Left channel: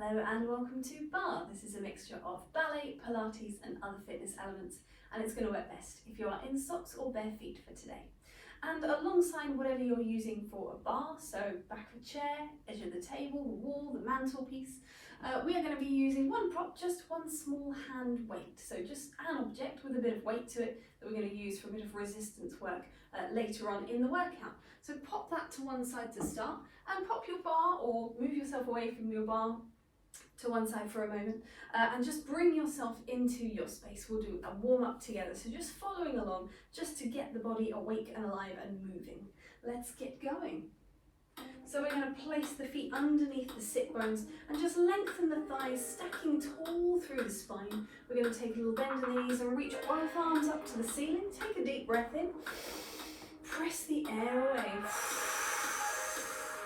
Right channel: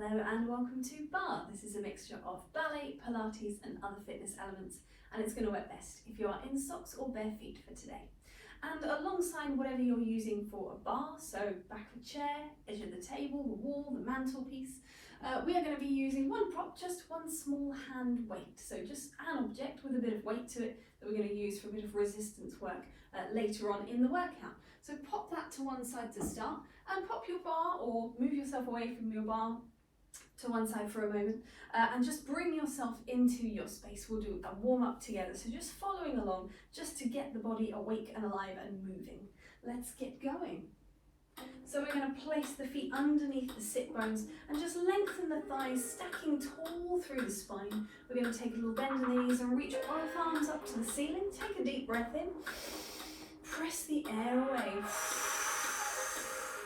Hello and welcome to Barre. This is a mixture of ballet, Pilates and other fitness elements, and it's going to work best if you are in socks or bare feet for today. And alongside whatever you're using for a bar, so back of a chair, edge of the table, the wall, the mantelpiece, we are going to be using one prop, just one small hand weight. So just an object with a bit of weight to it that we're going to use for a bit of resistance work later on in the workout. So pop that to one side to start and pop your bar or move yourself away from your bar to one side for a moment and just bring yourself into your space. We'll do a warm up together, so just following along just to get the body awake and alive and moving. Let's get going. So we're going to place the feet underneath the sit bones and just lengthen the thighs, stacking tall through the spine. We're going to take a little bend in the knees and reach both arms up to the ceiling. Take a deep breath in, press the air away.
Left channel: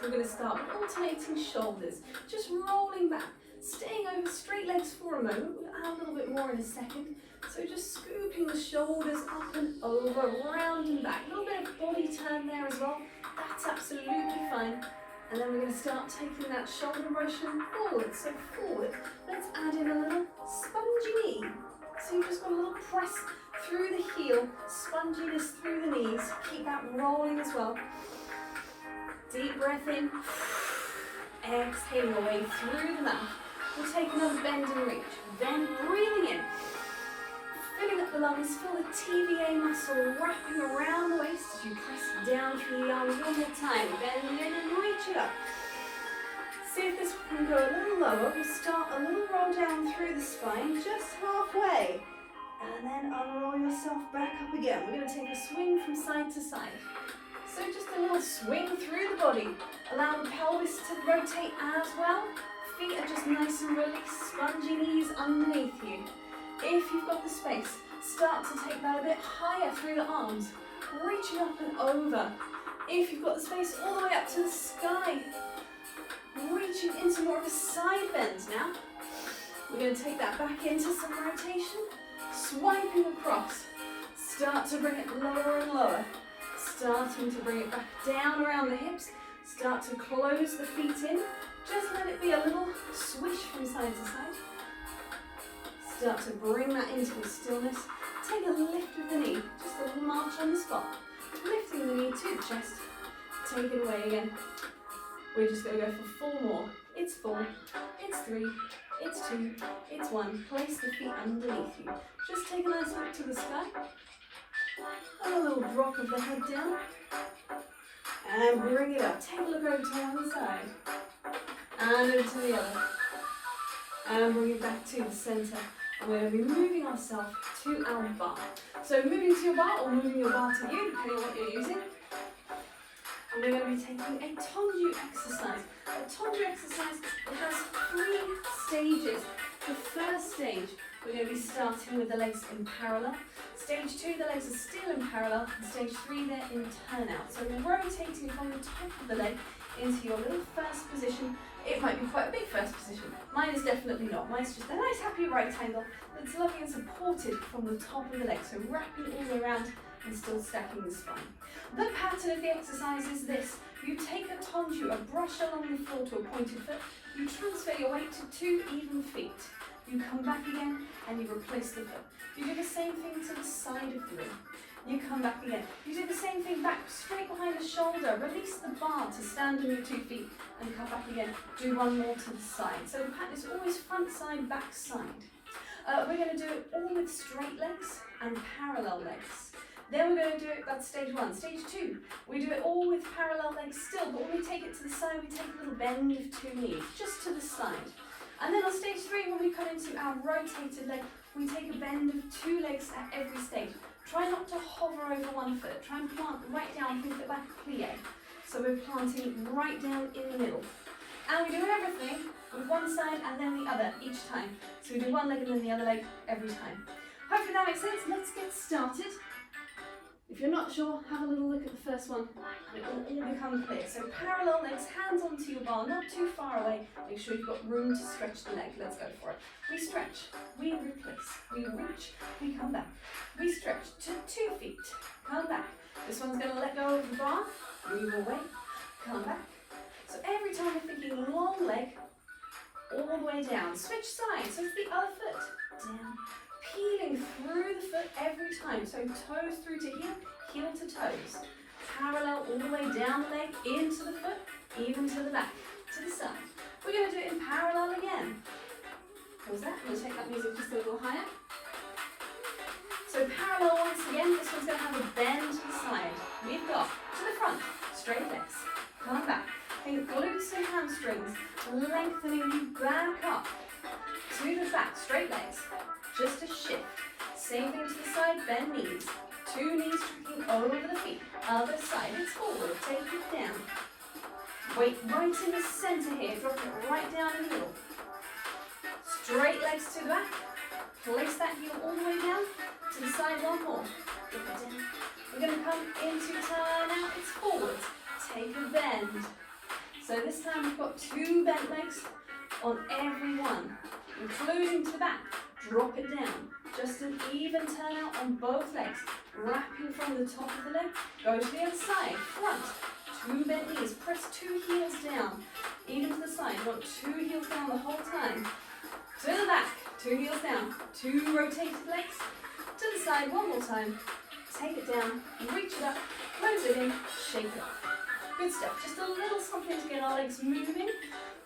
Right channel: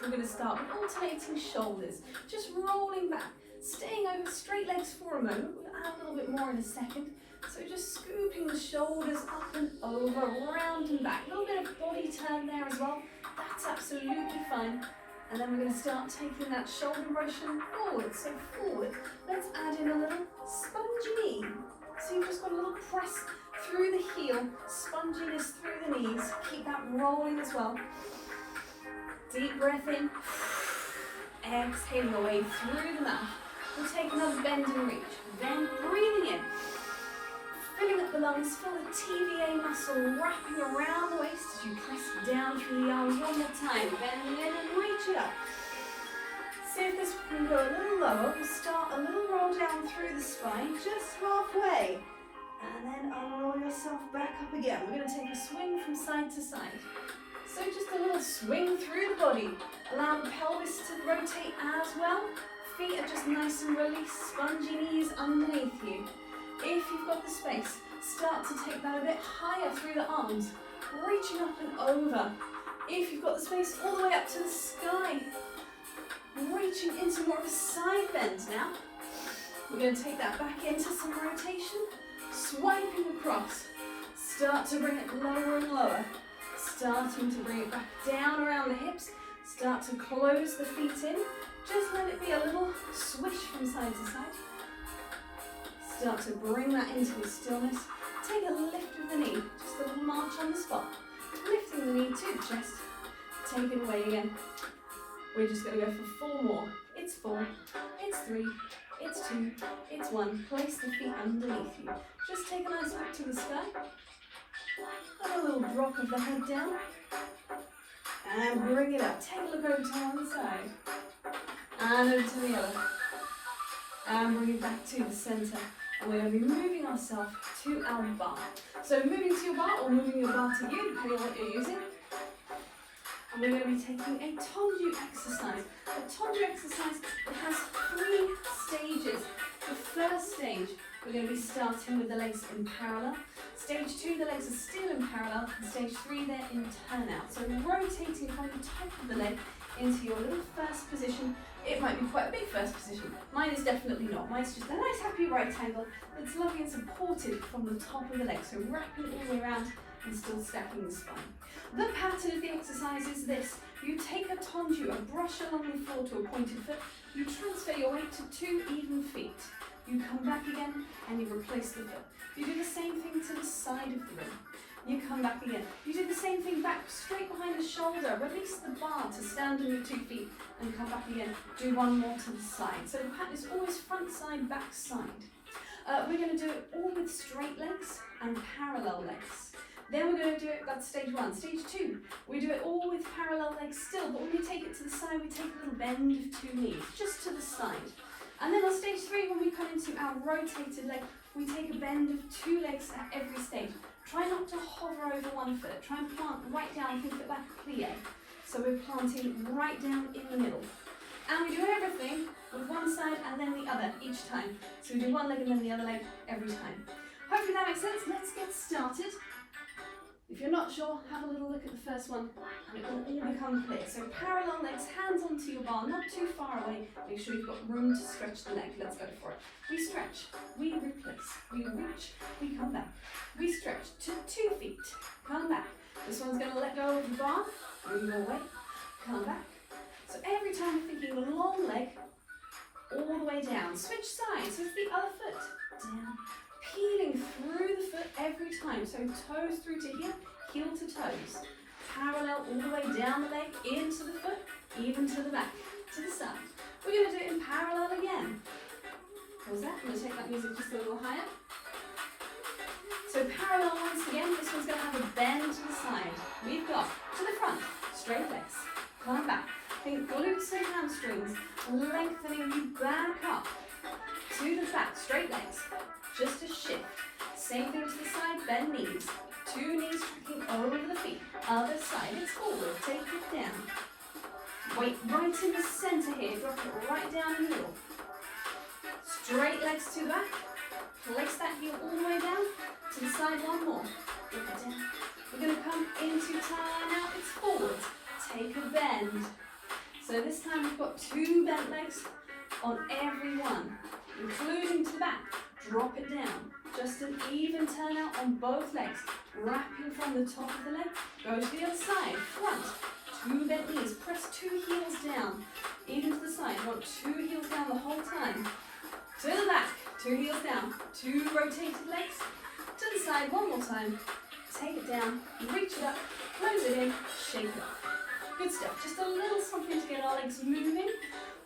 We're going to start with alternating shoulders, just rolling back, staying over straight legs for a moment. We'll add a little bit more in a second. So just scooping the shoulders up and over, round and back. A little bit of body turn there as well. That's absolutely fine. And then we're going to start taking that shoulder motion forward. So forward. Let's add in a little spongy knee. So you've just got a little press through the heel, sponginess through the knees. Keep that rolling as well. Deep breath in. Exhale away through the mouth. We'll take another bend and reach. Then breathing in. Filling up the lungs, feel the TVA muscle wrapping around the waist as you press down through the arms one more time. Bend in and reach it up. See if this can go a little lower. We'll start a little roll down through the spine, just halfway. And then unroll yourself back up again. We're going to take a swing from side to side. So just a little swing through the body. Allow the pelvis to rotate as well. Feet are just nice and released, spongy knees underneath you. If you've got the space, start to take that a bit higher through the arms, reaching up and over. If you've got the space, all the way up to the sky, reaching into more of a side bend now. We're going to take that back into some rotation, swiping across. Start to bring it lower and lower, starting to bring it back down around the hips. Start to close the feet in. Just let it be a little swish from side to side. Start to bring that into the stillness. Take a lift with the knee, just a little march on the spot. Lifting the knee to the chest. Take it away again. We're just going to go for 4 more. It's 4, it's 3, it's 2, it's 1. Place the feet underneath you. Just take a nice look to the sky. And a little drop of the head down. And bring it up. Take a look over to one side. And into the other. And bring it back to the centre. And we're going to be moving ourselves to our bar. So moving to your bar or moving your bar to you, depending on what you're using. And we're going to be taking a tendu exercise. A tendu exercise has 3 stages. The first stage, we're going to be starting with the legs in parallel. Stage 2, the legs are still in parallel. And stage 3, they're in turnout. So we're rotating from the top of the leg into your little first position. It might be quite a big first position. Mine is definitely not. Mine's just a nice happy rectangle that's lovely and supported from the top of the leg. So wrapping all the way around and still stacking the spine. The pattern of the exercise is this. You take a tendu, a brush along the floor to a pointed foot. You transfer your weight to 2 even feet. You come back again and you replace the foot. You do the same thing to the side of the room. You come back again. You do the same thing back, straight behind the shoulder. Release the bar to stand on your 2 feet and come back again. Do 1 more to the side. So the pattern is always front side, back side. We're going to do it all with straight legs and parallel legs. Then we're going to do it, that's stage 1. Stage 2, we do it all with parallel legs still, but when we take it to the side, we take a little bend of 2 knees, just to the side. And then on stage 3, when we come into our rotated leg, we take a bend of 2 legs at every stage. Try not to hover over 1 foot. Try and plant right down, think of it like a plie. So we're planting right down in the middle. And we do everything with one side and then the other each time. So we do 1 leg and then the other leg every time. Hopefully that makes sense. Let's get started. If you're not sure, have a little look at the first one. It will all become clear. So parallel legs, hands onto your bar, not too far away. Make sure you've got room to stretch the neck. Let's go for it. We stretch, we replace, we reach, we come back. We stretch to 2 feet, come back. This one's going to let go of the bar, move away, come back. So every time we're thinking long leg, all the way down. Switch sides, so it's the other foot. Down, peeling through the foot every time. So toes through to heel, heel to toes. Parallel all the way down the leg, into the foot, even to the back, to the side. We're going to do it in parallel again. Pause that, I'm going to take that music just a little higher. So parallel once again, this one's going to have a bend to the side. We've got to the front, straight legs, come back. Think glutes and hamstrings, lengthening you back up. To the back, straight legs, just a shift. Same thing to the side, bend knees. 2 knees tracking over the feet. Other side, it's forward, take it down. Weight right in the center here, drop it right down in the middle. Straight legs to the back. Place that heel all the way down. To the side, one more. Drop it down. We're going to come into turn out, it's forward. Take a bend. So this time we've got 2 bent legs on every one, including to the back. Drop it down. Just an even turn out on both legs. Wrapping from the top of the leg. Go to the other side. Front. 2 bent knees. Press 2 heels down. Even to the side. You want 2 heels down the whole time. To the back. 2 heels down. 2 rotated legs. To the side. One more time. Take it down. Reach it up. Close it in. Shake it up. Good stuff. Just a little something to get our legs moving.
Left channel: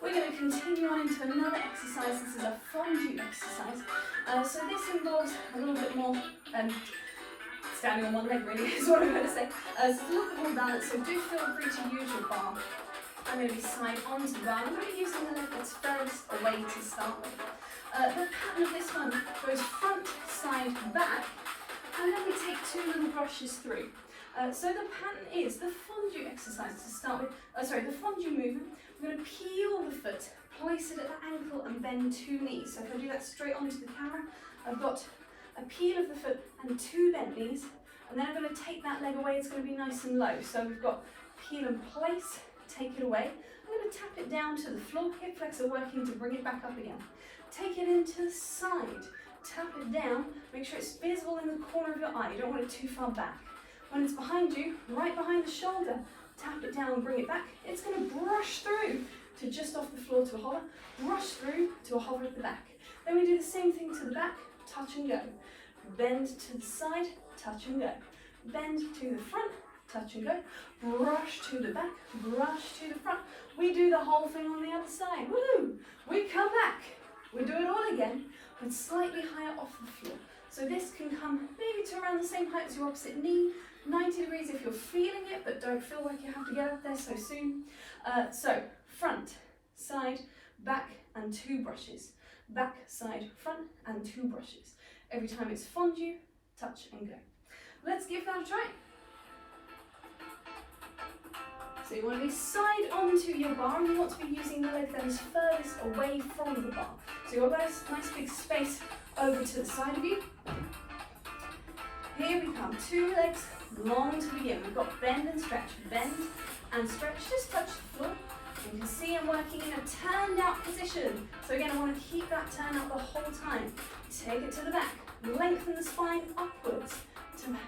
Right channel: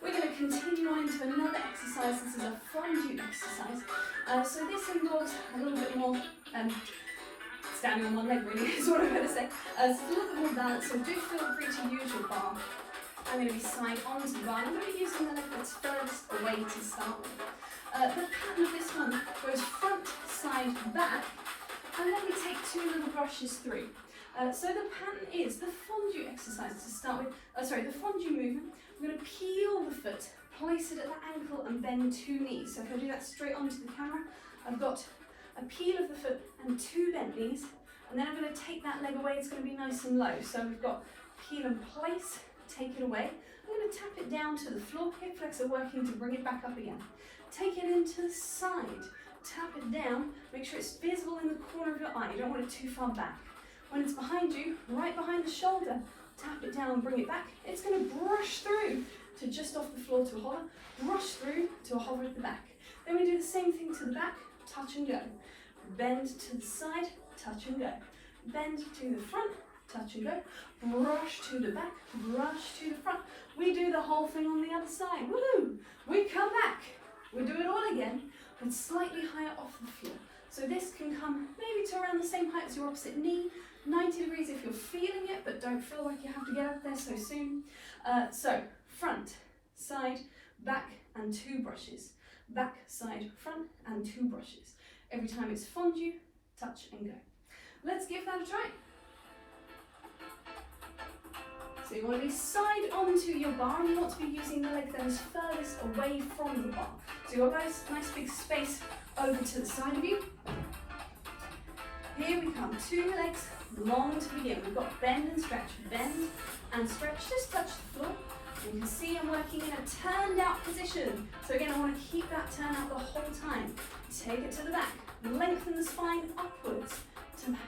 We're going to continue on into another exercise. This is a fondue exercise. So this involves a little bit more standing on one leg, really, is what I'm going to say. So it's a little bit more balance, so do feel free to use your bar. I'm going to be side onto the bar. I'm going to be using the leg that's furthest away to start with. The pattern of this one goes front, side, back, and let me take 2 little brushes through. So the pattern is the fondue exercise to start with. The fondue movement. We're going to peel the foot, place it at the ankle and bend 2 knees. So if I do that straight onto the camera, I've got a peel of the foot and 2 bent knees. And then I'm going to take that leg away, it's going to be nice and low. So we've got peel and place, take it away. I'm going to tap it down to the floor, hip flexor working to bring it back up again. Take it into the side, tap it down, make sure it's visible in the corner of your eye. You don't want it too far back. When it's behind you, right behind the shoulder, tap it down and bring it back. It's going to brush through to just off the floor to a hover, brush through to a hover at the back. Then we do the same thing to the back, touch and go. Bend to the side, touch and go. Bend to the front, touch and go. Brush to the back, brush to the front. We do the whole thing on the other side. Woohoo! We come back. We do it all again, but slightly higher off the floor. So this can come maybe to around the same height as your opposite knee, 90 degrees if you're feeling it, but don't feel like you have to get up there so soon. So front, side, back, and 2 brushes. Back, side, front, and 2 brushes. Every time it's fondue, touch and go. Let's give that a try. So you want to be side onto your bar and you want to be using the leg that is furthest away from the bar. So you've got a nice big space over to the side of you. Here we come, 2 legs long to begin. We've got bend and stretch, just touch the floor. You can see I'm working in a turned out position. So again, I want to keep that turn out the whole time. Take it to the back, lengthen the spine upwards to back.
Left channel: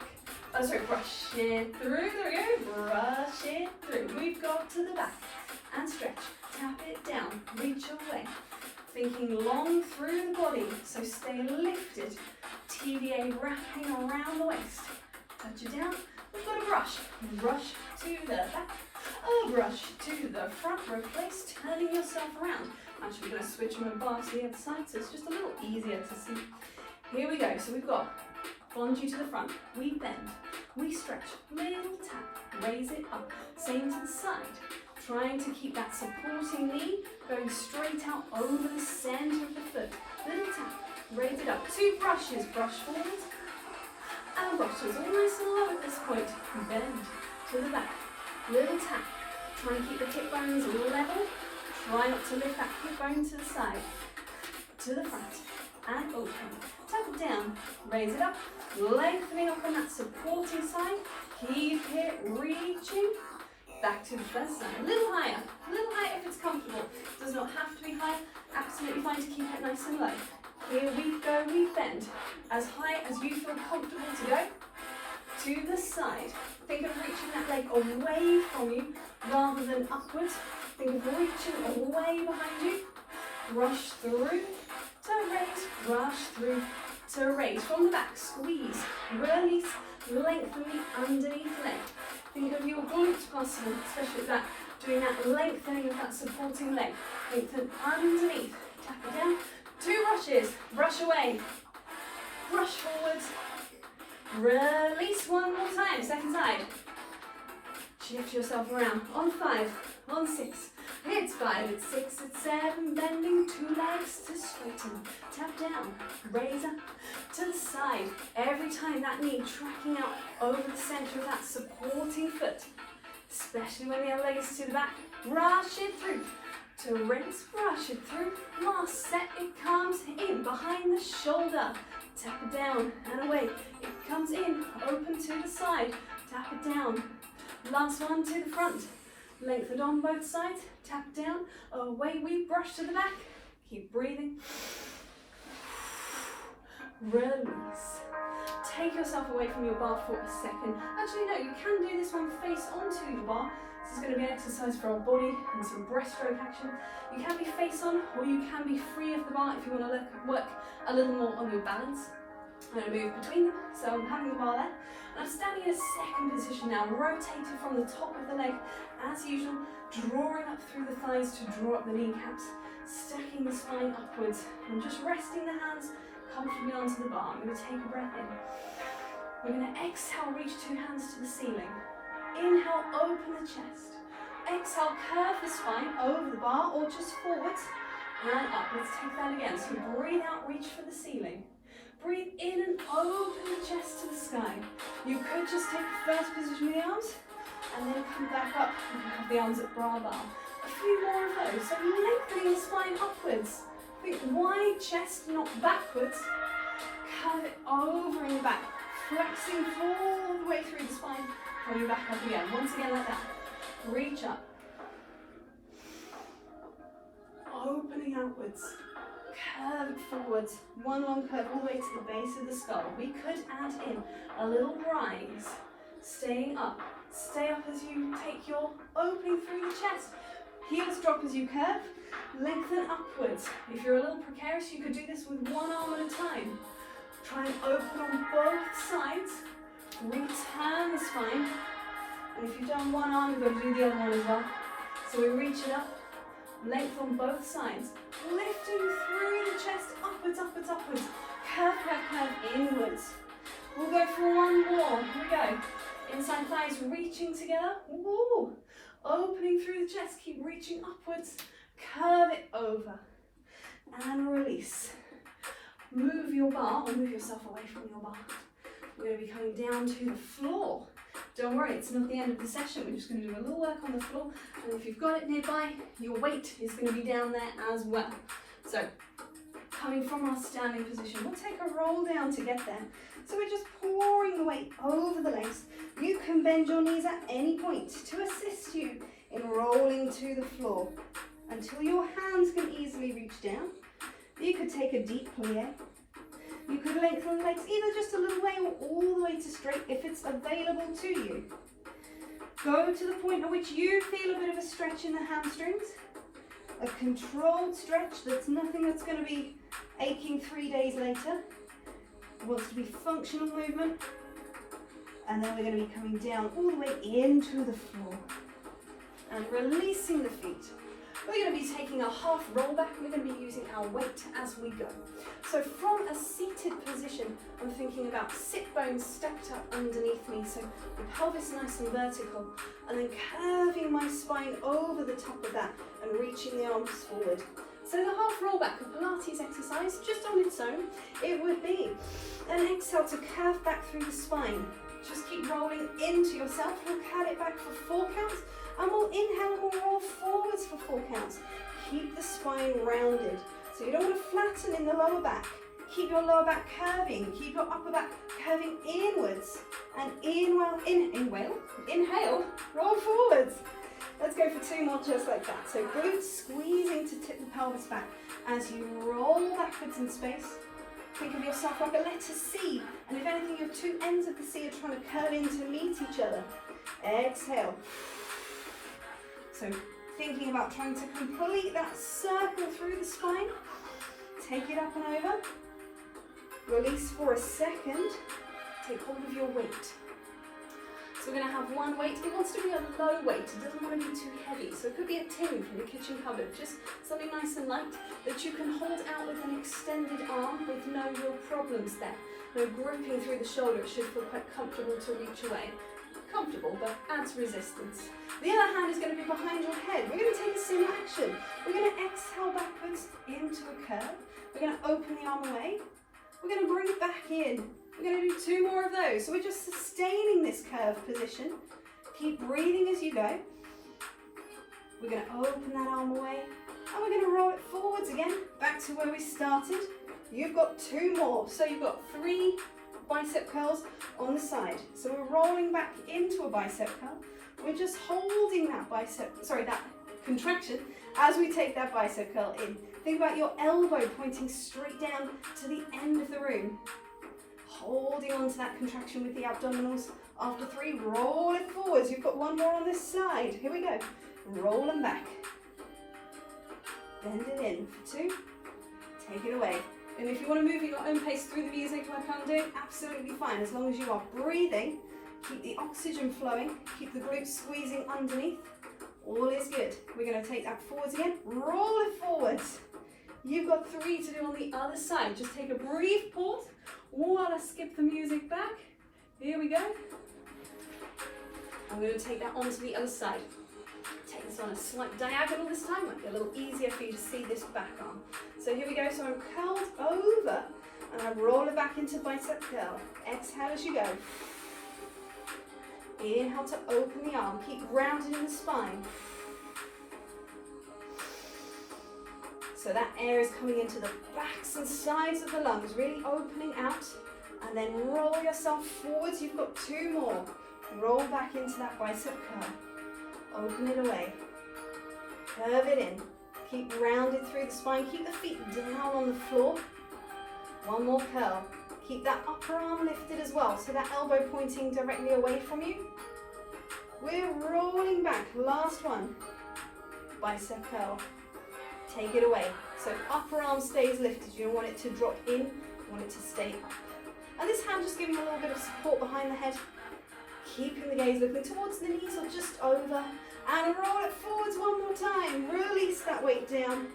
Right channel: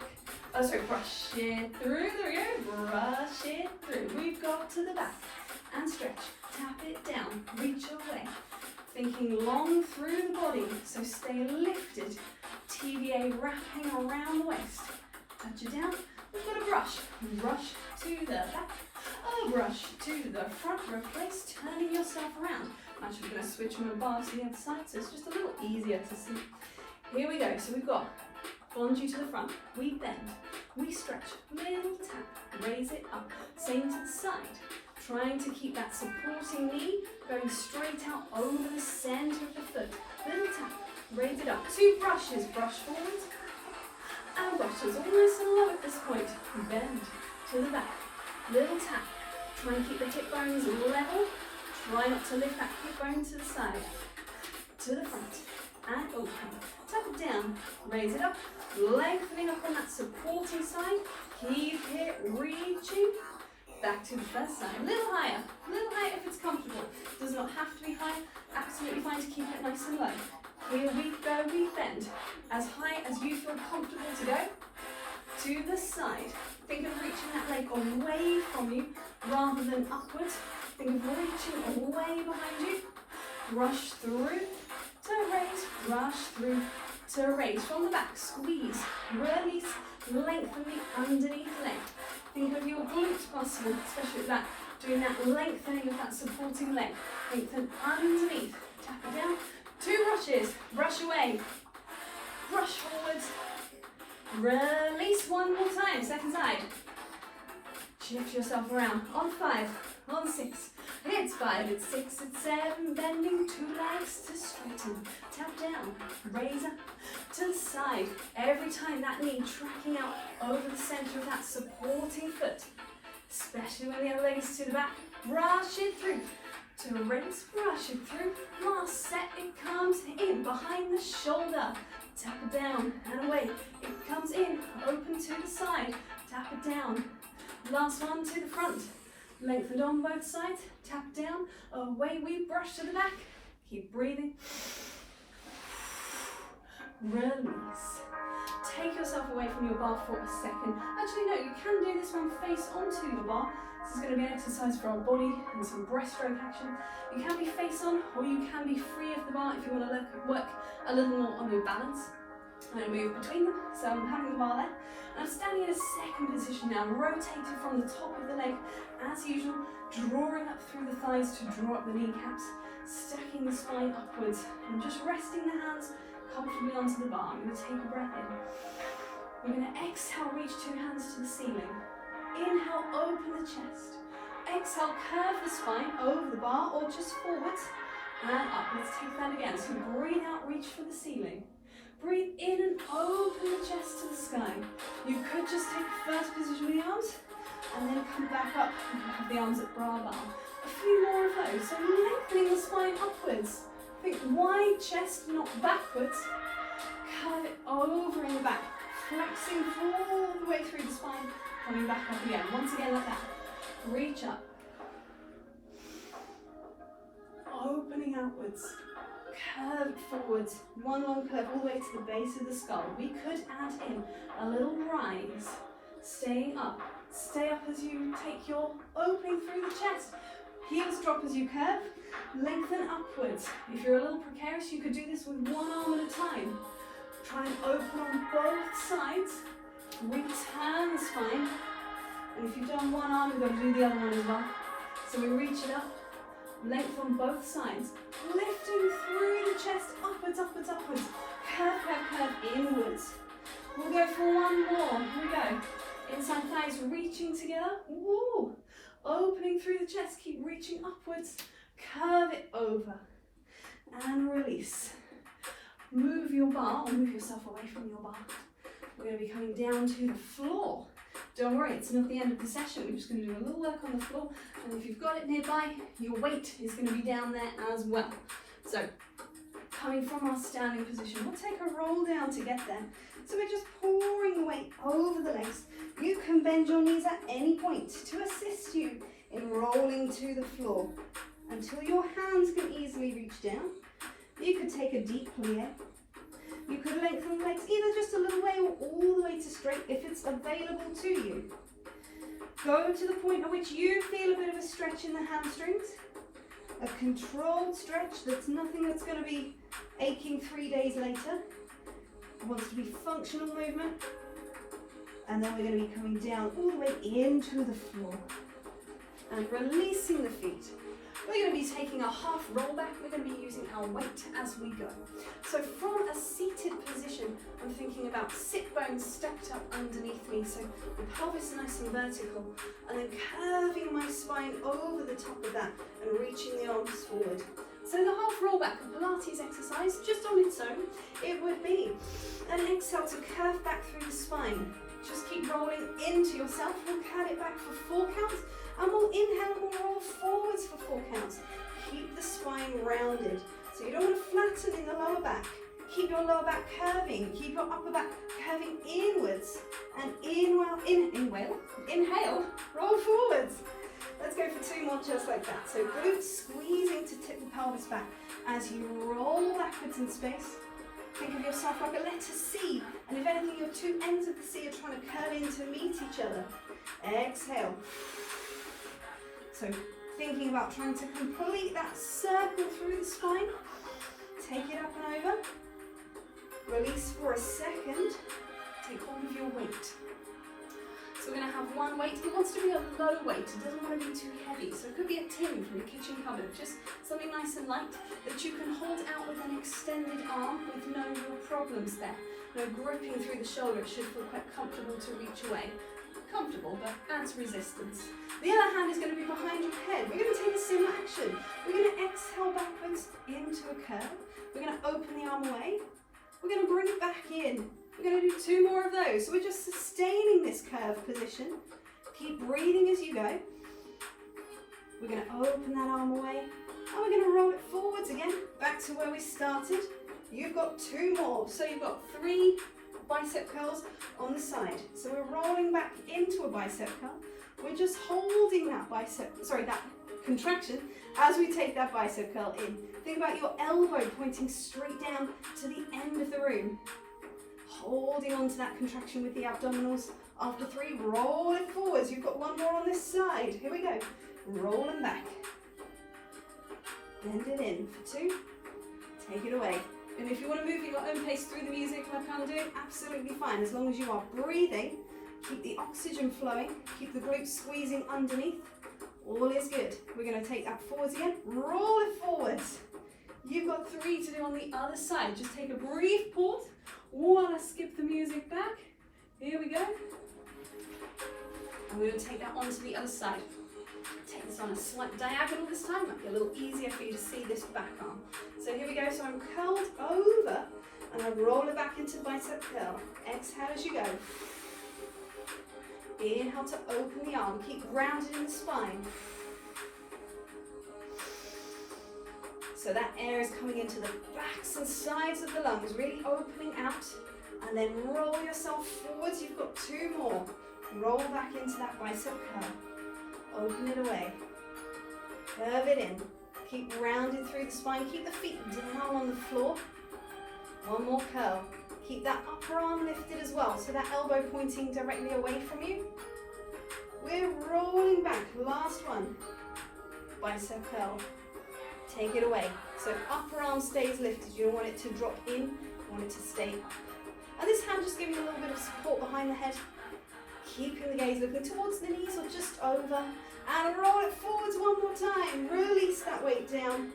Brush it through, there we go, brush it through. We've got to the back and stretch, tap it down, reach away. Thinking long through the body, so stay lifted. TVA wrapping around the waist. Touch it down, we've got a brush to the back, a brush to the front, replace turning yourself around. I'm actually going to switch my bar to the other side so it's just a little easier to see. Here we go, so we've got fondue to the front, we bend, we stretch, little tap, raise it up, same to the side. Trying to keep that supporting knee going straight out over the center of the foot. Little tap, raise it up. 2 brushes, brush forward and brushes. All nice and low at this point. Bend to the back. Little tap. Try and keep the hip bones level. Try not to lift that hip bone to the side. To the front and open. Tap it down, raise it up, lengthening up on that supporting side. Keep it reaching. Back to the first side, a little higher if it's comfortable. Does not have to be high, absolutely fine to keep it nice and low. Here we go, we bend. As high as you feel comfortable to go. To the side. Think of reaching that leg away from you rather than upwards. Think of reaching away behind you. rush through, to raise, rush through, to raise. From the back, squeeze, release, lengthen the underneath leg. Think of your glute muscle, especially that, doing that lengthening of that supporting leg. Lengthen underneath, tap it down. 2 rushes, brush away, brush forwards, release one more time, second side. Shift yourself around, on 5, on 6, it's 5, it's 6, it's 7, bending 2 legs to straighten, tap down, raise up to the side. Every time that knee tracking out over the center of that supporting foot, especially when the other leg is to the back, rush it through. To raise, brush it through, last set, it comes in behind the shoulder, tap it down and away, it comes in, open to the side, tap it down, last one to the front, lengthened on both sides, tap down, away we brush to the back, keep breathing, release. Take yourself away from your bar for a second. Actually no, you can do this one face onto your bar. This is going to be an exercise for our body and some breaststroke action. You can be face on or you can be free of the bar if you want to work a little more on your balance. I'm going to move between them, so I'm having the bar there. And I'm standing in a second position now, rotated from the top of the leg as usual, drawing up through the thighs to draw up the kneecaps, stacking the spine upwards and just resting the hands comfortably onto the bar. I'm going to take a breath in. We're going to exhale, reach 2 hands to the ceiling. Inhale, open the chest. Exhale, curve the spine over the bar or just forwards and up. Let's take that again. So breathe out, reach for the ceiling. Breathe in and open the chest to the sky. You could just take the first position with the arms and then come back up and have the arms at bra bar. A few more of those. So lengthening the spine upwards. Think wide chest, not backwards. Curve it over in the back. Flexing all the way through the spine. Coming back up again. Once again like that. Reach up. Opening outwards. Curve forwards. One long curve all the way to the base of the skull. We could add in a little rise. Staying up. Stay up as you take your opening through the chest. Heels drop as you curve. Lengthen upwards. If you're a little precarious, you could do this with one arm at a time. Try and open on both sides. Return the spine. And if you've done one arm, you've got to do the other one as well. So we reach it up. Length on both sides. Lifting through the chest. Upwards, upwards, upwards. Curve, curve, curve inwards. We'll go for one more. Here we go. Inside thighs reaching together. Woo. Opening through the chest. Keep reaching upwards. Curve it over. And release. Move your bar or move yourself away from your bar. We're going to be coming down to the floor. Don't worry, it's not the end of the session. We're just going to do a little work on the floor. And if you've got it nearby, your weight is going to be down there as well. So, coming from our standing position, we'll take a roll down to get there. So we're just pouring the weight over the legs. You can bend your knees at any point to assist you in rolling to the floor until your hands can easily reach down. You could take a deep plie. You could lengthen the legs either just a little way or all the way to straight if it's available to you. Go to the point at which you feel a bit of a stretch in the hamstrings. A controlled stretch that's nothing that's going to be aching 3 days later. It wants to be functional movement. And then we're going to be coming down all the way into the floor. And releasing the feet. We're going to be taking a half roll back. We're going to be using our weight as we go. So from a seated position, I'm thinking about sit bones stacked up underneath me. So the pelvis nice and vertical. And then curving my spine over the top of that and reaching the arms forward. So the half roll back, a Pilates exercise, just on its own, it would be an exhale to curve back through the spine. Just keep rolling into yourself. We'll cut it back for 4 counts. And we'll inhale and we'll roll forwards for 4 counts. Keep the spine rounded. So you don't want to flatten in the lower back. Keep your lower back curving. Keep your upper back curving inwards. And inhale, roll forwards. Let's go for 2 more just like that. So glutes squeezing to tip the pelvis back as you roll backwards in space. Think of yourself like a letter C. And if anything, your 2 ends of the C are trying to curl in to meet each other. Exhale. So thinking about trying to complete that circle through the spine. Take it up and over. Release for a second. Take hold of your weight. So we're going to have one weight. It wants to be a low weight. It doesn't want to be too heavy. So it could be a tin from the kitchen cupboard. Just something nice and light that you can hold out with an extended arm with no real problems there. No gripping through the shoulder. It should feel quite comfortable to reach away. Comfortable, but adds resistance. The other hand is going to be behind your head. We're going to take a similar action. We're going to exhale backwards into a curve. We're going to open the arm away. We're going to bring it back in. We're going to do 2 more of those. So we're just sustaining this curved position. Keep breathing as you go. We're going to open that arm away. And we're going to roll it forwards again, back to where we started. You've got 2 more. So you've got 3 bicep curls on the side. So we're rolling back into a bicep curl. We're just holding that that contraction as we take that bicep curl in. Think about your elbow pointing straight down to the end of the room. Holding on to that contraction with the abdominals. After 3, roll it forwards. You've got 1 more on this side. Here we go. Roll them back. Bend it in for 2. Take it away. And if you want to move at your own pace through the music like I'm doing, absolutely fine. As long as you are breathing, keep the oxygen flowing, keep the glutes squeezing underneath. All is good. We're going to take that forwards again. Roll it forwards. You've got 3 to do on the other side. Just take a brief pause while I skip the music back. Here we go. And we're going to take that onto the other side. Take this on a slight diagonal this time. Might be a little easier for you to see this back arm. So here we go. So I'm curled over and I roll it back into bicep curl. Exhale as you go. Inhale to open the arm. Keep grounded in the spine. So that air is coming into the backs and sides of the lungs, really opening out. And then roll yourself forwards. You've got 2 more. Roll back into that bicep curl. Open it away. Curve it in. Keep rounded through the spine. Keep the feet down on the floor. 1 more curl. Keep that upper arm lifted as well, so that elbow pointing directly away from you. We're rolling back. Last one. Bicep curl. Take it away. So upper arm stays lifted. You don't want it to drop in. You want it to stay up. And this hand just giving you a little bit of support behind the head. Keeping the gaze looking towards the knees or just over. And roll it forwards 1 more time. Release that weight down.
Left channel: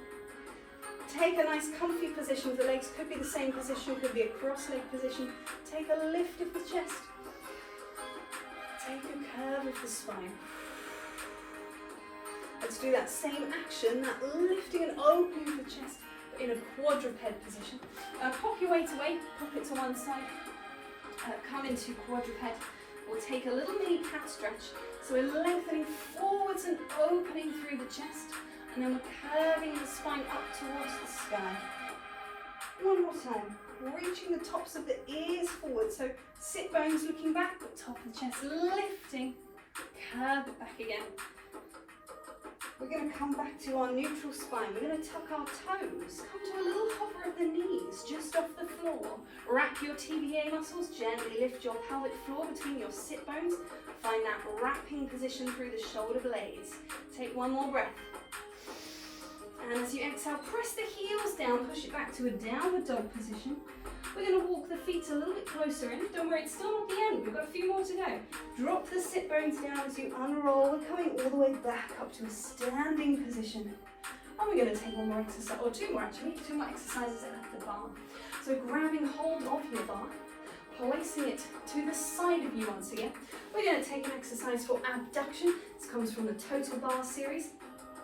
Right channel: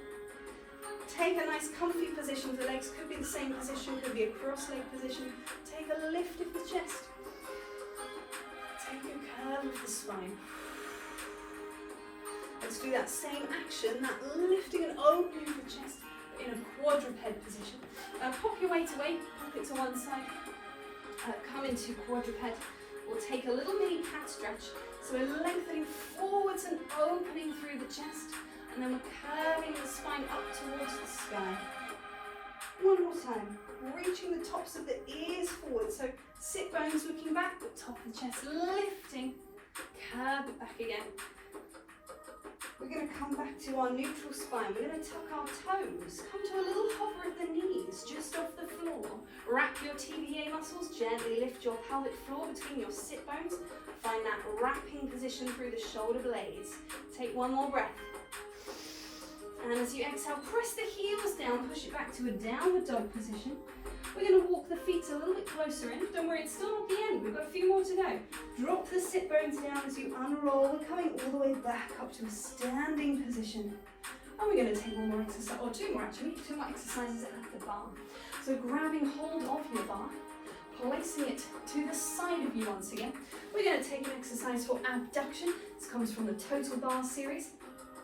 Take a nice comfy position with the legs. Could be the same position, could be a cross-leg position. Take a lift of the chest. Take a curve of the spine. Let's do that same action, that lifting and opening of the chest, but in a quadruped position. Pop your weight away, pop it to one side. Come into quadruped. We'll take a little mini cat stretch. So we're lengthening forwards and opening through the chest. And then we're curving the spine up towards the sky. 1 more time. Reaching the tops of the ears forward. So sit bones looking back, but top of the chest lifting. Curve it back again. We're going to come back to our neutral spine. We're going to tuck our toes. Come to a little hover of the knees, just off the floor. Wrap your TBA muscles. Gently lift your pelvic floor between your sit bones. Find that wrapping position through the shoulder blades. Take 1 more breath. And as you exhale, press the heels down, push it back to a downward dog position. We're going to walk the feet a little bit closer in. Don't worry, it's still not the end. We've got a few more to go. Drop the sit bones down as you unroll. We're coming all the way back up to a standing position. And we're going to take 1 more exercise, or 2 more actually, 2 more exercises at the bar. So grabbing hold of your bar, placing it to the side of you once again. We're going to take an exercise for abduction. This comes from the Total Barre series.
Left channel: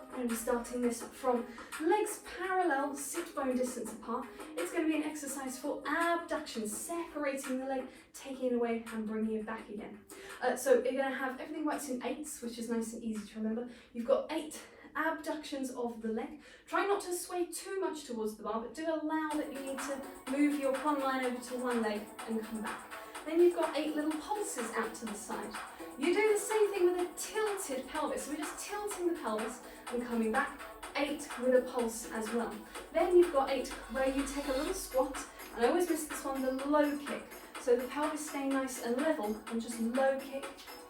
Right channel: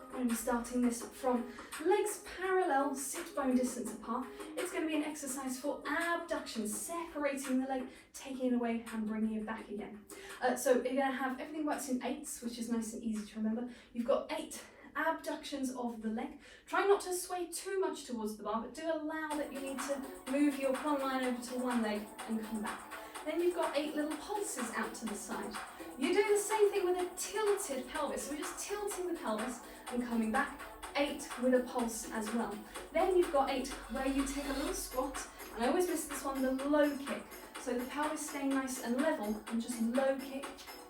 We're going to be starting this from legs parallel, sit bone distance apart. It's going to be an exercise for abduction, separating the leg, taking it away and bringing it back again. So you're going to have, everything works in 8s, which is nice and easy to remember. You've got 8 abductions of the leg. Try not to sway too much towards the bar, but do allow that you need to move your plumb line over to one leg and come back. Then you've got 8 little pulses out to the side. You do the same thing with a tilted pelvis. So we're just tilting the pelvis and coming back. 8 with a pulse as well. Then you've got 8 where you take a little squat, and I always miss this one, the low kick. So the pelvis staying nice and level and just low kick,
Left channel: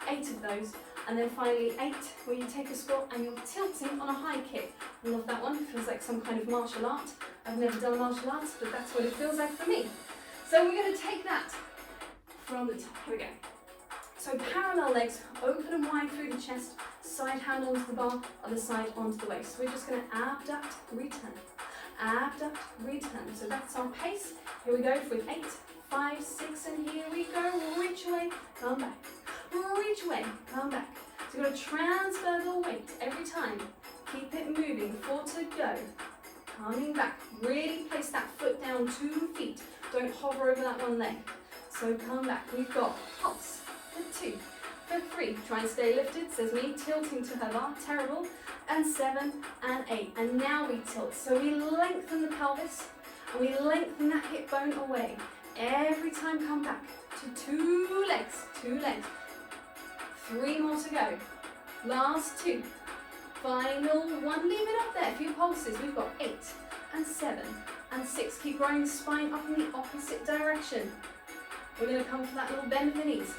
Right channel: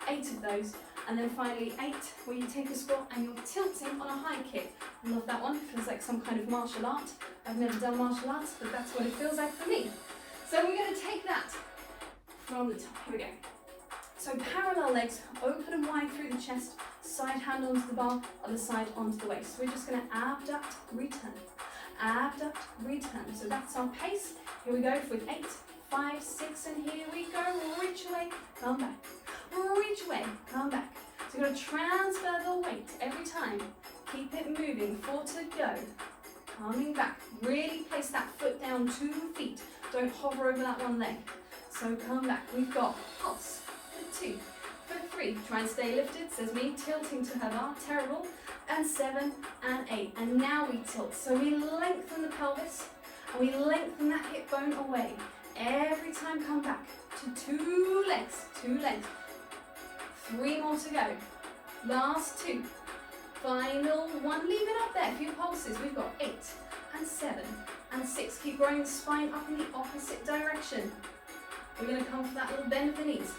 8 of those, And then finally 8, where you take a squat and you're tilting on a high kick. I love that one, it feels like some kind of martial art. I've never done martial arts, but that's what it feels like for me. So we're going to take that from the top. Here we go. So parallel legs, open and wide through the chest, side hand onto the bar, other side onto the waist. We're just going to abduct, return, abduct, return. So that's our pace. Here we go with 8, 5, 6, and here we go. Reach away, come back. Reach away, come back. So we're going to transfer the weight every time. Keep it moving, 4 to go. Coming back, really place that foot down 2 feet. Don't hover over that one leg. So come back, we've got pulse for 2, for 3. Try and stay lifted, says me, tilting to her bar, terrible. And 7 and 8. And now we tilt. So we lengthen the pelvis and we lengthen that hip bone away. Every time come back to 2 legs, 2 legs. 3 more to go. Last 2. Final 1. Leave it up there. A few pulses. We've got 8 and 7 and 6. Keep growing the spine up in the opposite direction. We're going to come for that little bend of the knees.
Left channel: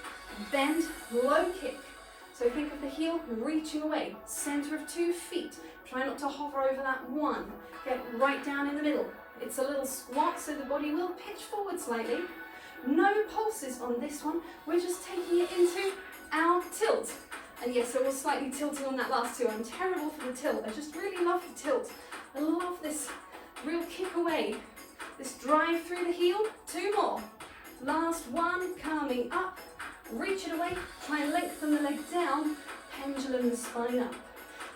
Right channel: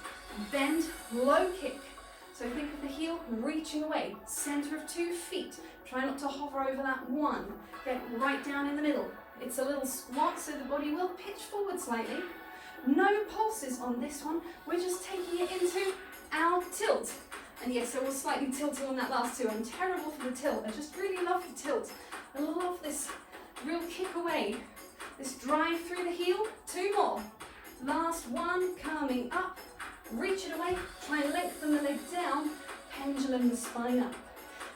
Bend, low kick. So think of the heel reaching away. Center of 2 feet. Try not to hover over that 1. Get right down in the middle. It's a little squat, so the body will pitch forward slightly. No pulses on this one. We're just taking it into our tilt. And yes, I was slightly tilting on that last 2. I'm terrible for the tilt. I just really love the tilt. I love this real kick away. This drive through the heel. 2 more. Last 1, coming up. Reach it away. Try and lengthen the leg down. Pendulum the spine up.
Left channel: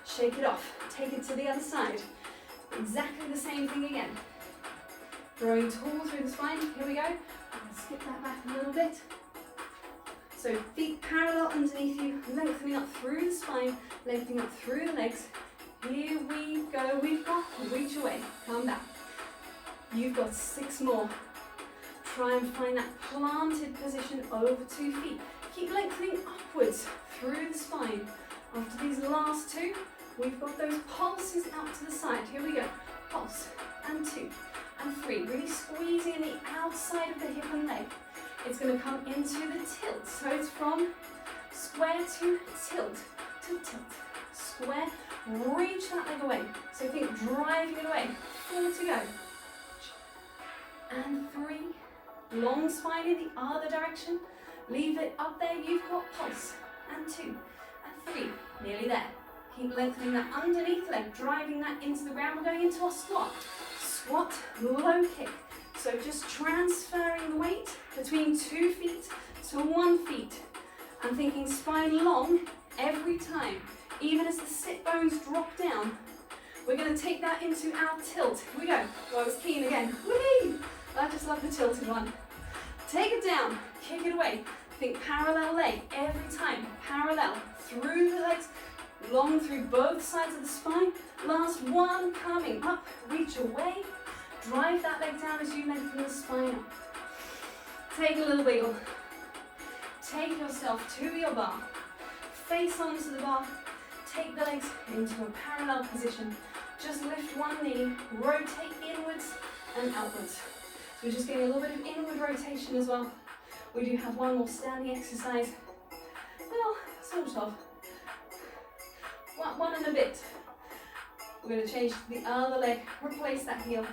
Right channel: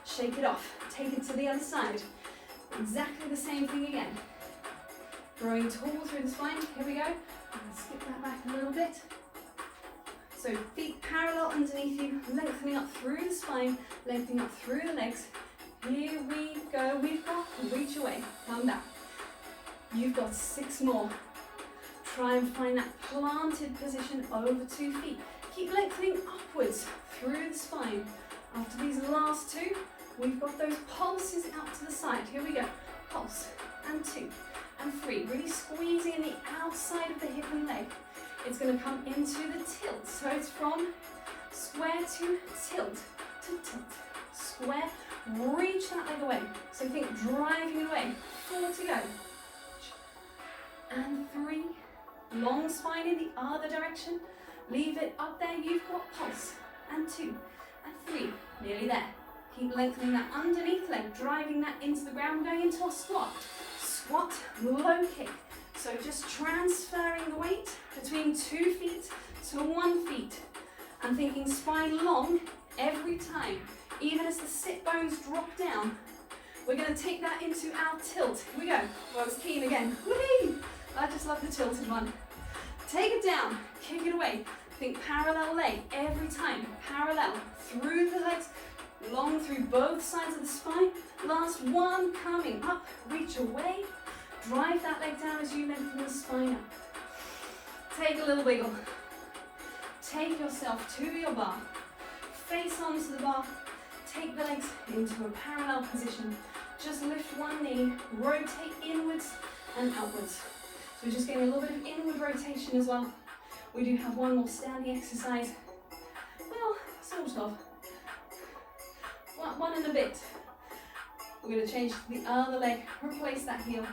Shake it off. Take it to the other side. Exactly the same thing again. Growing tall through the spine. Here we go. Skip that back a little bit. So feet parallel underneath you, lengthening up through the spine, lengthening up through the legs. Here we go. We've got reach away. Come back. You've got 6 more. Try and find that planted position over 2 feet. Keep lengthening upwards through the spine. After these last 2, we've got those pulses out to the side. Here we go. Pulse and 2 and 3. Really squeezing the outside of the hip and leg. It's going to come into the tilt. So it's from square to tilt, square. Reach that leg away. So think driving it away. 4 to go. And 3. Long spine in the other direction. Leave it up there. You've got pulse. And 2 and 3. Nearly there. Keep lengthening that underneath leg, driving that into the ground, going into our squat. Squat, low kick. So just transferring the weight between 2 feet to 1 feet. I'm thinking spine long every time. Even as the sit bones drop down, we're going to take that into our tilt. Here we go. Oh, I was keen again. Whee! I just love the tilted one. Take it down, kick it away. Think parallel leg every time. Parallel through the legs, long through both sides of the spine. Last 1, coming up, reach away. Drive that leg down as you lengthen the spine up. Take a little wiggle. Take yourself to your bar. Face onto the bar. Take the legs into a parallel position. Just lift one knee, rotate inwards and outwards. So we're just getting a little bit of inward rotation as well. We do have one more standing exercise. Well, sort of. One and a bit. We're going to change to the other leg, replace that heel.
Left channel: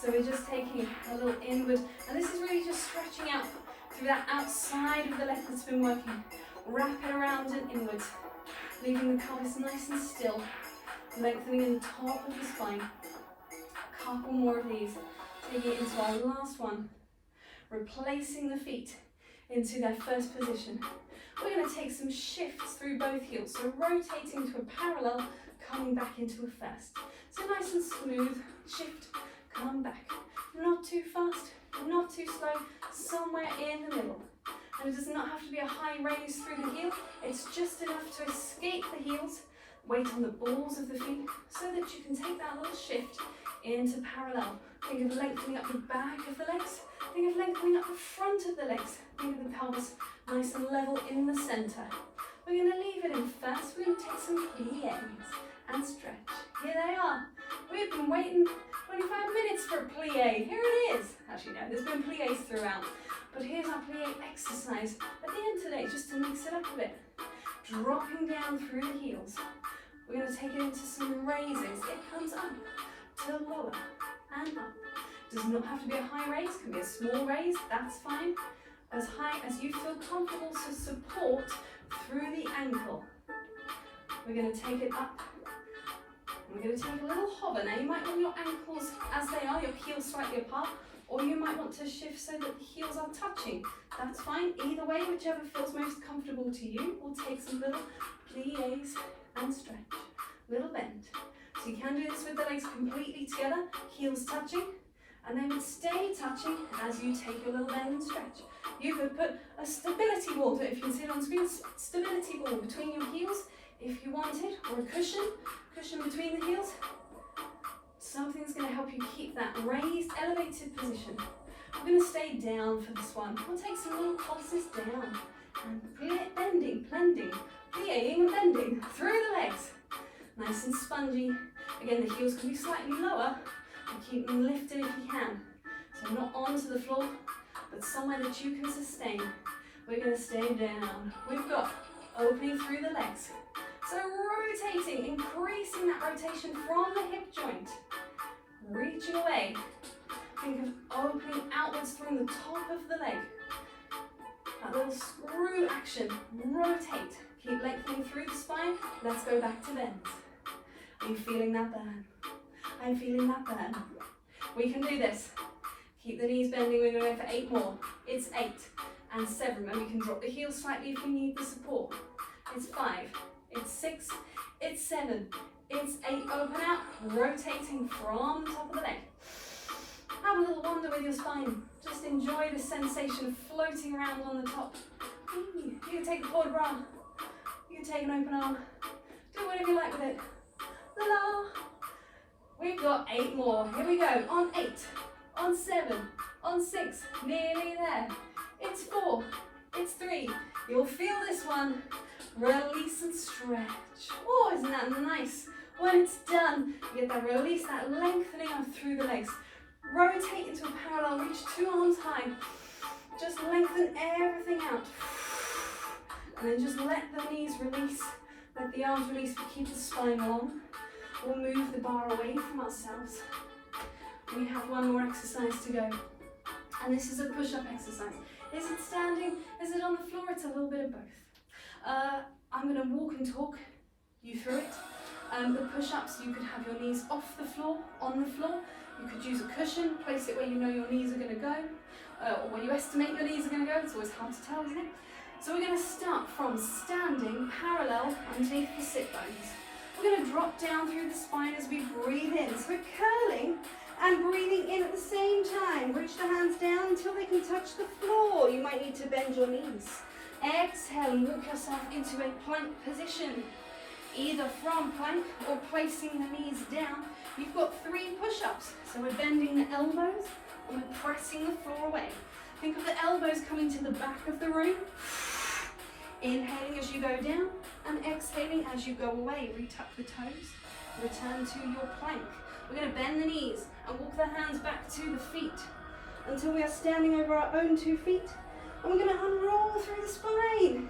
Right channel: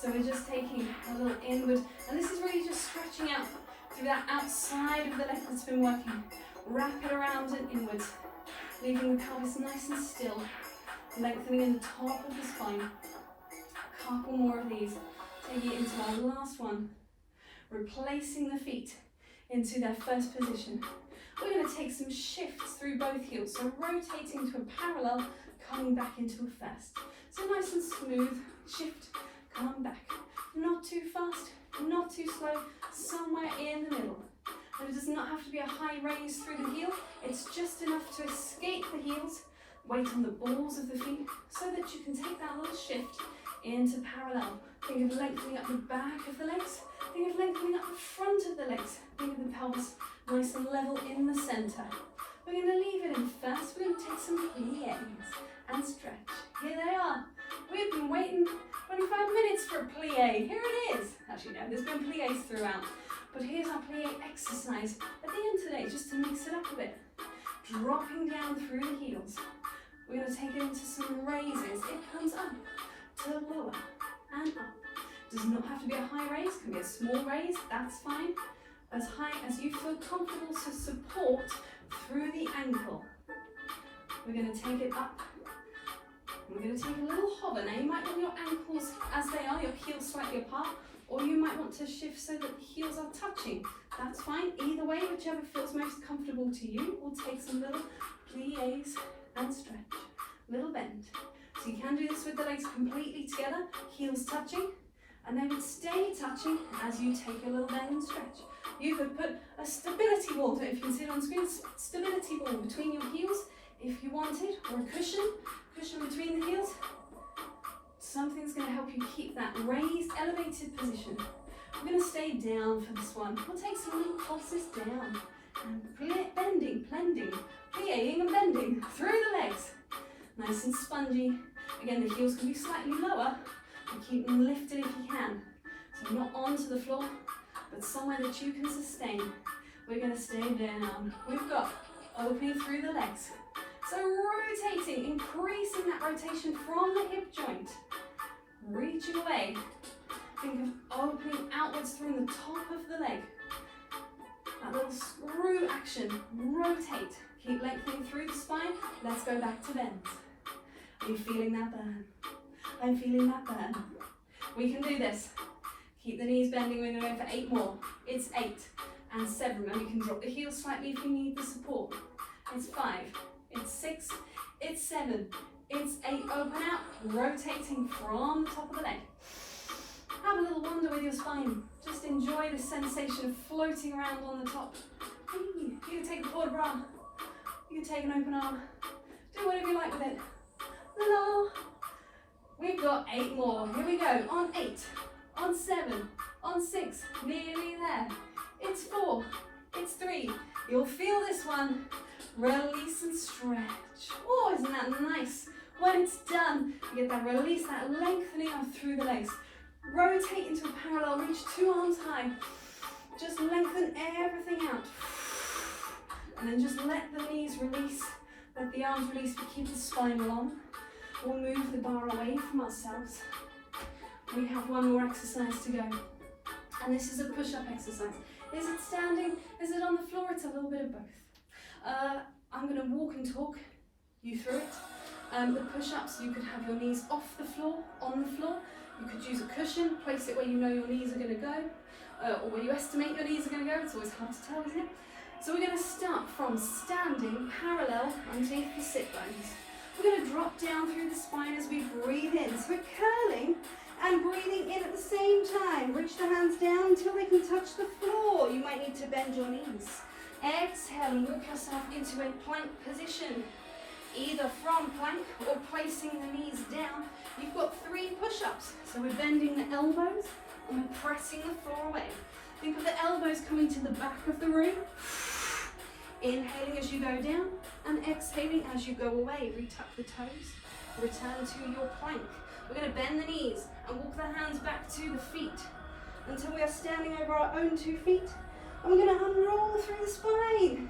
So we're just taking a little inward, and this is really just stretching out through that outside of the leg that's been working. Wrap it around and inwards, leaving the pelvis nice and still, lengthening in the top of the spine. A couple more of these, taking it into our last one, replacing the feet into their first position. We're going to take some shifts through both heels, so rotating to a parallel, coming back into a first. So nice and smooth, shift, come back. Not too fast, not too slow, somewhere in the middle. And it does not have to be a high raise through the heel, it's just enough to escape the heels, weight on the balls of the feet, so that you can take that little shift into parallel. Think of lengthening up the back of the legs, think of lengthening up the front of the legs, think of the pelvis nice and level in the centre. We're going to leave it in first, we're going to take some pliés and stretch. Here they are. We've been waiting 25 minutes for a plie. Here it is. Actually, no, there's been pliés throughout. But here's our plie exercise at the end today, just to mix it up a bit. dropping down through the heels. We're going to take it into some raises. It comes up to lower and up. Does not have to be a high raise, can be a small raise, that's fine. As high as you feel comfortable to support through the ankle. We're going to take it up. We're going to take a little hover. Now you might want your ankles as they are, your heels slightly apart, or you might want to shift so that the heels are touching. That's fine. Either way, whichever feels most comfortable to you. We'll take some little pliés and stretch. Little bend. So you can do this with the legs completely together, heels touching, and they would stay touching as you take a little bend and stretch. You could put a stability ball, if you can see it on screen, stability ball between your heels if you wanted, or a cushion between the heels. Something that's going to help you keep that raised, elevated position. We're going to stay down for this one. We'll take some little pulses down and bending, plie and bending through the legs. Nice and spongy. Again, the heels can be slightly lower, but keep them lifted if you can. So not onto the floor, but somewhere that you can sustain. We're going to stay down. We've got opening through the legs. So rotating, increasing that rotation from the hip joint. Reaching away. Think of opening outwards through the top of the leg. That little screw action. Rotate. Keep lengthening through the spine. Let's go back to bends. Are you feeling that burn? I'm feeling that burn. We can do this. Keep the knees bending. We're going to go for 8 more. It's 8 and 7. And we can drop the heels slightly if you need the support. It's 5. It's 6. It's 7. It's 8. Open out. Rotating from the top of the leg. Have a little wander with your spine. Just enjoy the sensation of floating around on the top. You can take a Total Barre. You can take an open arm. Do whatever you like with it. La. We've got 8 more. Here we go. On 8. On 7. On 6. Nearly there. It's 4. It's 3. You'll feel this one. Release and stretch. Oh, isn't that nice? When it's done, you get that release, that lengthening up through the legs. Rotate into a parallel, reach 2 arms high. Just lengthen everything out. And then just let the knees release, let the arms release, but keep the spine long. We'll move the bar away from ourselves. We have one more exercise to go. And this is a push-up exercise. Is it standing? Is it on the floor? It's a little bit of both. I'm going to walk and talk you through it. The push-ups, you could have your knees off the floor, on the floor. You could use a cushion, place it where you know your knees are going to go, or where you estimate your knees are going to go. It's always hard to tell, isn't it? So we're going to start from standing parallel underneath the sit bones. We're going to drop down through the spine as we breathe in. So we're curling and breathing in at the same time. Reach the hands down until they can touch the floor. You might need to bend your knees. Exhale and walk yourself into a plank position. Either from plank or placing the knees down. You've got 3 push-ups. So we're bending the elbows and we're pressing the floor away. Think of the elbows coming to the back of the room. Inhaling as you go down and exhaling as you go away. Retuck the toes. Return to your plank. We're going to bend the knees and walk the hands back to the feet until we are standing over our own 2 feet. And we're going to unroll through the spine.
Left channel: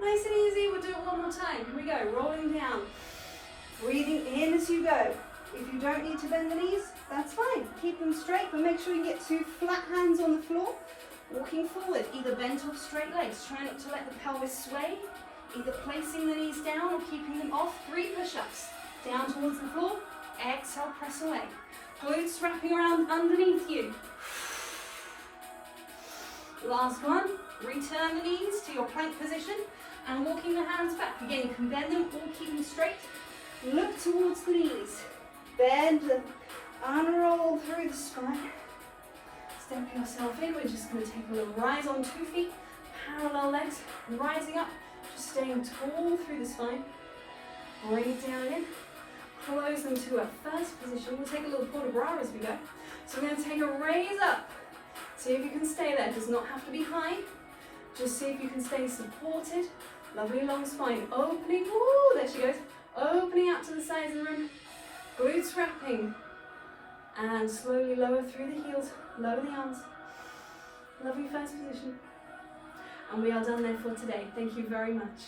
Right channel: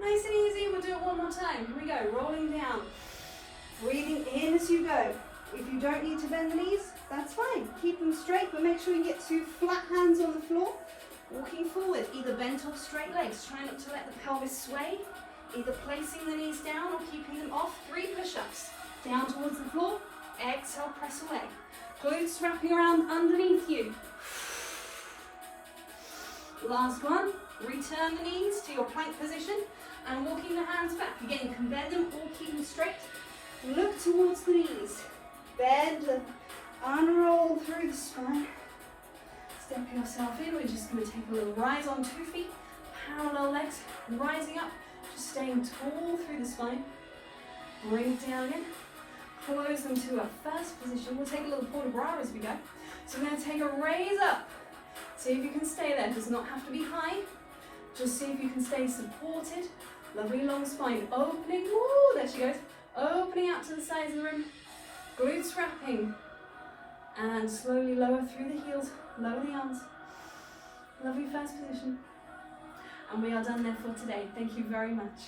Nice and easy. We'll do it one more time. Here we go. Rolling down. Breathing in as you go. If you don't need to bend the knees, that's fine. Keep them straight, but make sure you get 2 flat hands on the floor. Walking forward, either bent or straight legs. Try not to let the pelvis sway. Either placing the knees down or keeping them off. 3 push-ups. Down towards the floor. Exhale, press away. Glutes wrapping around underneath you. Last one. Return the knees to your plank position and walking the hands back. Again, you can bend them or keep them straight. Look towards the knees. Bend them. Unroll through the spine. Step yourself in. We're just going to take a little rise on 2 feet. Parallel legs. Rising up. Just staying tall through the spine. Bring it down in. Close them to a first position. We'll take a little Total Barre as we go. So we're going to take a raise up. See if you can stay there. It does not have to be high. Just see if you can stay supported. Lovely long spine. Opening. Ooh, there she goes. Opening out to the sides of the room. Glutes wrapping. And slowly lower through the heels. Lower the arms. Lovely first position. And we are done there for today. Thank you very much.